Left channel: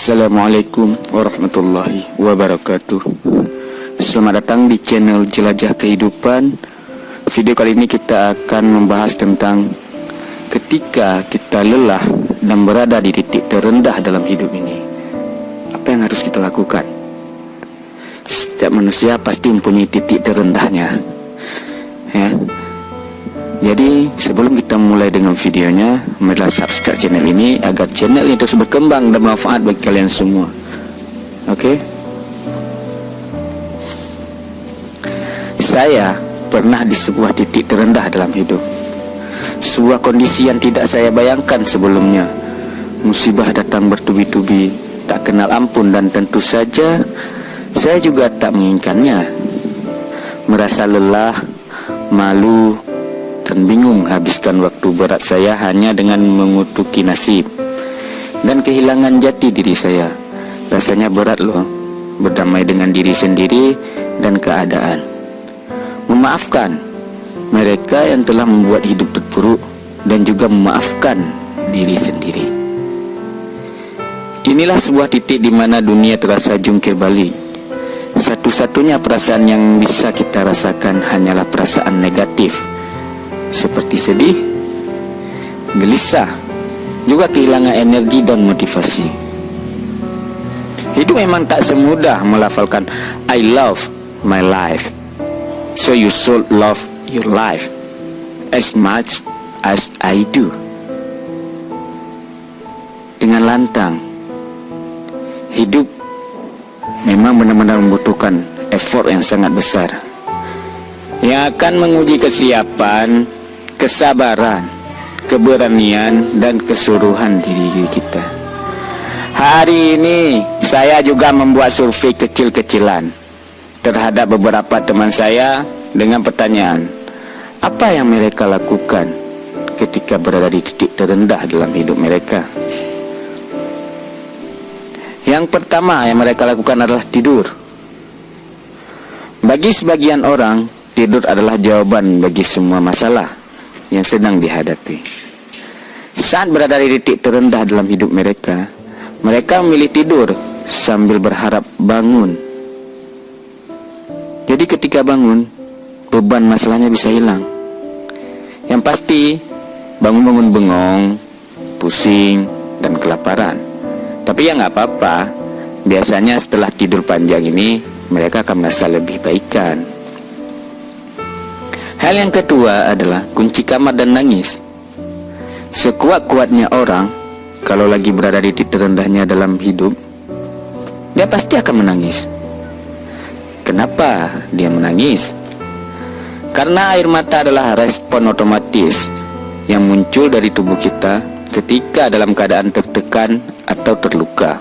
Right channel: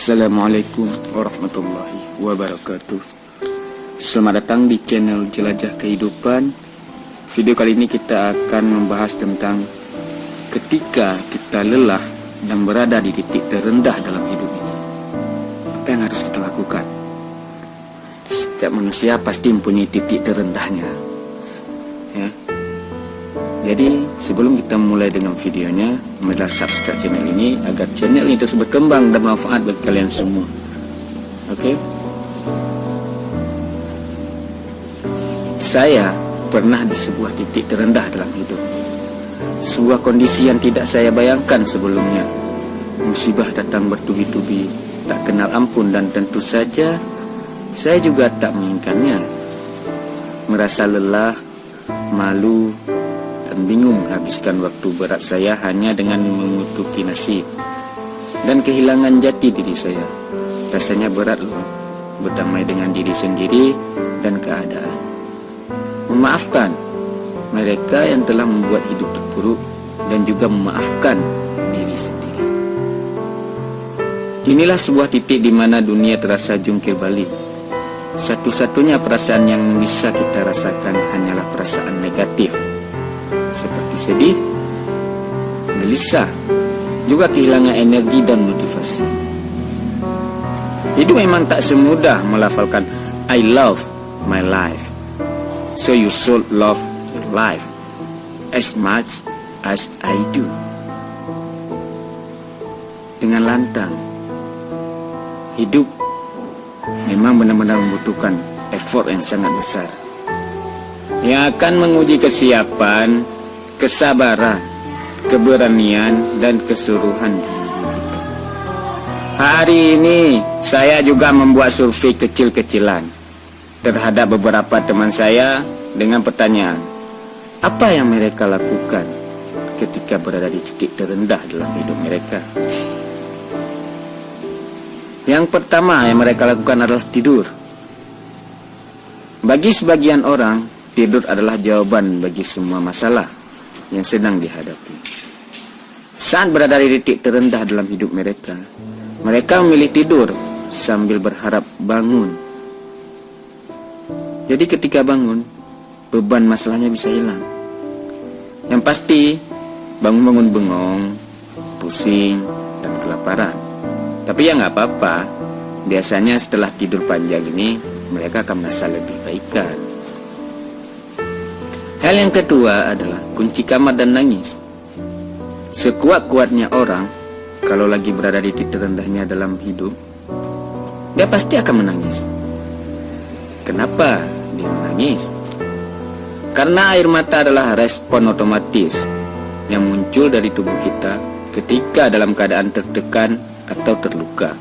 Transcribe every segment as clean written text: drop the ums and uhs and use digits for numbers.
Assalamualaikum warahmatullahi wabarakatuh. Selamat datang di channel Jelajah Kehidupan. Video kali ini kita akan membahas tentang ketika kita lelah dan berada di titik terendah dalam hidup ini, apa yang harus kita lakukan? Setiap manusia pasti mempunyai titik terendahnya, ya. Jadi sebelum kita mulai dengan videonya, marilah subscribe channel ini agar channel ini terus berkembang dan bermanfaat bagi kalian semua. Oke? Saya pernah di sebuah titik terendah dalam hidup, sebuah kondisi yang tidak saya bayangkan sebelumnya. Musibah datang bertubi-tubi, tak kenal ampun, dan tentu saja saya juga tak menginginkannya. Merasa lelah, malu, dan bingung habiskan waktu berat saya hanya dengan mengutuki nasib dan kehilangan jati diri saya. Rasanya berat loh, berdamai dengan diri sendiri dan keadaan. Memaafkan mereka yang telah membuat hidup terpuruk dan juga memaafkan diri sendiri. Inilah sebuah titik di mana dunia terasa jungkir balik. Satu-satunya perasaan yang bisa kita rasakan hanyalah perasaan negatif, seperti sedih, gelisah, juga kehilangan energi dan motivasi. Hidup memang tak semudah melafalkan I love my life, so you should love your life as much as I do. Dengan lantang, hidup memang benar-benar membutuhkan effort yang sangat besar, yang akan menguji kesiapan, kesabaran, keberanian, dan keseluruhan diri kita. Hari ini saya juga membuat survei kecil-kecilan terhadap beberapa teman saya dengan pertanyaan, apa yang mereka lakukan ketika berada di titik terendah dalam hidup mereka. Yang pertama yang mereka lakukan adalah tidur. Bagi sebagian orang, tidur adalah jawaban bagi semua masalah yang sedang dihadapi. Saat berada di titik terendah dalam hidup mereka, mereka memilih tidur sambil berharap bangun. Jadi ketika bangun, beban masalahnya bisa hilang. Yang pasti, bangun-bangun bengong, pusing, dan kelaparan. Tapi ya nggak apa-apa. Biasanya setelah tidur panjang ini, mereka akan merasa lebih baikan. Hal yang kedua adalah kunci kamar dan nangis. Sekuat-kuatnya orang, kalau lagi berada di titik terendahnya dalam hidup, dia pasti akan menangis. Kenapa dia menangis? Karena air mata adalah respon otomatis yang muncul dari tubuh kita ketika dalam keadaan tertekan atau terluka.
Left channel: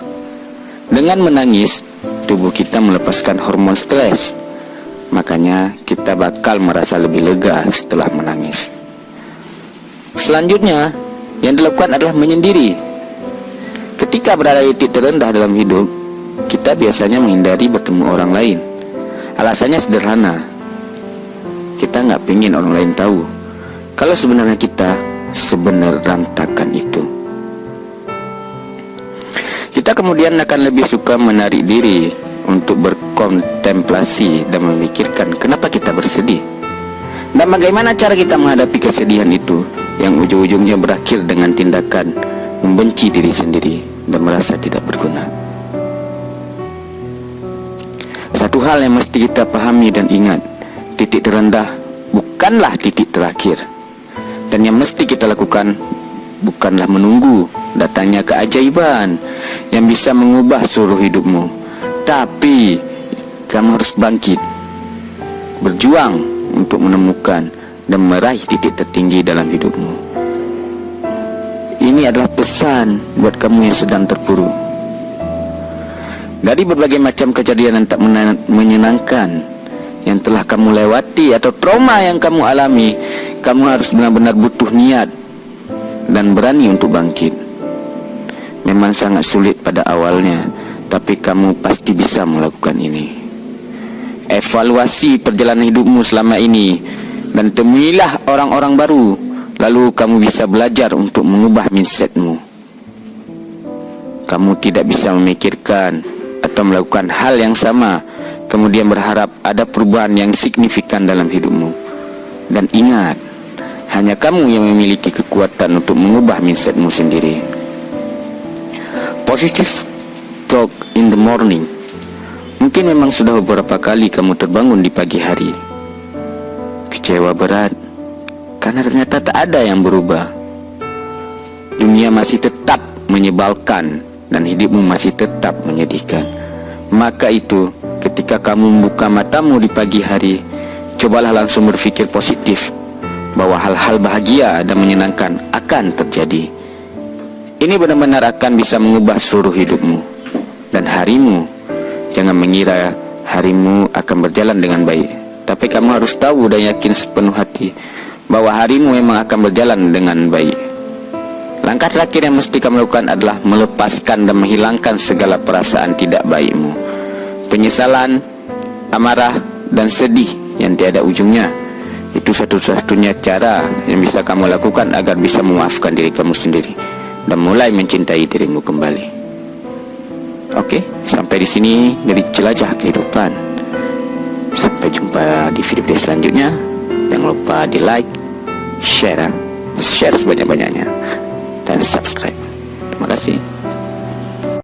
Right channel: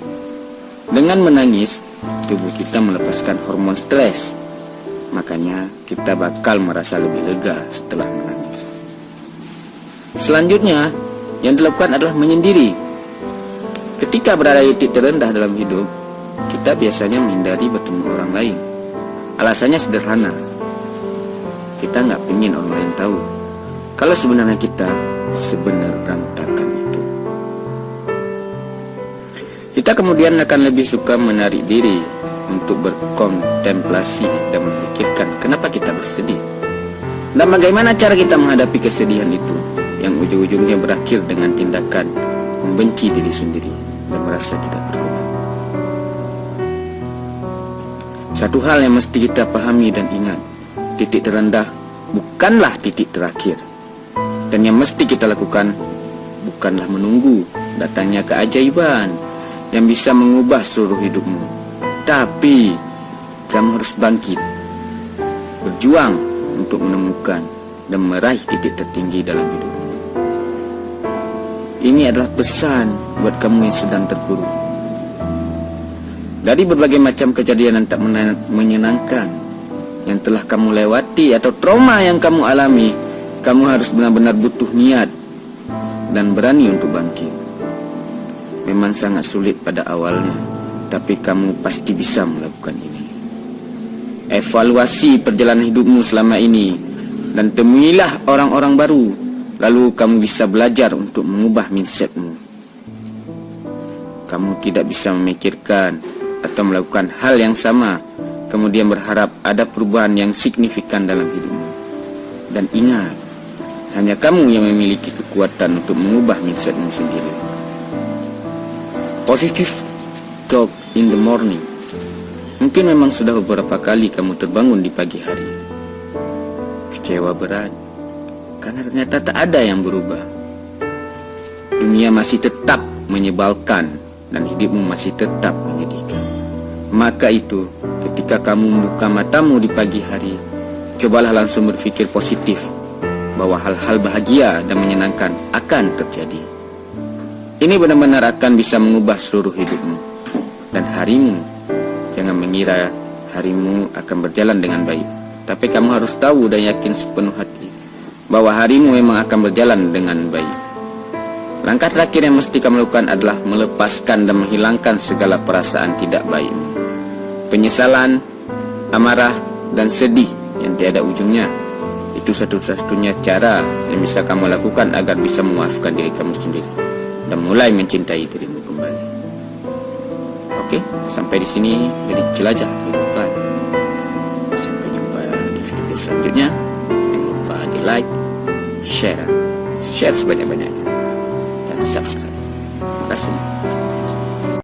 Dengan menangis, tubuh kita melepaskan hormon stres. Makanya kita bakal merasa lebih lega setelah menangis. Selanjutnya, yang dilakukan adalah menyendiri. Ketika berada di titik terendah dalam hidup, kita biasanya menghindari bertemu orang lain. Alasannya sederhana, kita nggak ingin orang lain tahu kalau sebenarnya kita sebenar rantakan itu. Kita kemudian akan lebih suka menarik diri untuk berkontemplasi dan memikirkan kenapa kita bersedih dan bagaimana cara kita menghadapi kesedihan itu, yang ujung-ujungnya berakhir dengan tindakan membenci diri sendiri dan merasa tidak berguna. Satu hal yang mesti kita pahami dan ingat, titik terendah bukanlah titik terakhir, dan yang mesti kita lakukan bukanlah menunggu datangnya keajaiban yang bisa mengubah seluruh hidupmu. Tapi kamu harus bangkit, berjuang untuk menemukan dan meraih titik tertinggi dalam hidupmu. Ini adalah pesan buat kamu yang sedang terpuruk. Dari berbagai macam kejadian yang tak menyenangkan yang telah kamu lewati atau trauma yang kamu alami, kamu harus benar-benar butuh niat dan berani untuk bangkit. Memang sangat sulit pada awalnya, tapi kamu pasti bisa melakukan ini. Evaluasi perjalanan hidupmu selama ini dan temuilah orang-orang baru, lalu kamu bisa belajar untuk mengubah mindsetmu. Kamu tidak bisa memikirkan atau melakukan hal yang sama kemudian berharap ada perubahan yang signifikan dalam hidupmu. Dan ingat, hanya kamu yang memiliki kekuatan untuk mengubah mindsetmu sendiri. Positive talk in the morning. Mungkin memang sudah beberapa kali kamu terbangun di pagi hari kecewa berat karena ternyata tak ada yang berubah. Dunia masih tetap menyebalkan dan hidupmu masih tetap menyedihkan. Maka itu, ketika kamu membuka matamu di pagi hari, cobalah langsung berpikir positif bahwa hal-hal bahagia dan menyenangkan akan terjadi. Ini benar-benar akan bisa mengubah seluruh hidupmu dan harimu. Jangan mengira harimu akan berjalan dengan baik, tapi kamu harus tahu dan yakin sepenuh hati bahwa harimu memang akan berjalan dengan baik. Langkah terakhir yang mesti kamu lakukan adalah melepaskan dan menghilangkan segala perasaan tidak baikmu. Penyesalan, amarah, dan sedih yang tiada ujungnya. Itu satu-satunya cara yang bisa kamu lakukan agar bisa memaafkan diri kamu sendiri dan mulai mencintai dirimu kembali. Oke, sampai di sini dari Jelajah Kehidupan. Sampai jumpa di video selanjutnya. Jangan lupa di like, share sebanyak-banyaknya, dan subscribe. Terima kasih.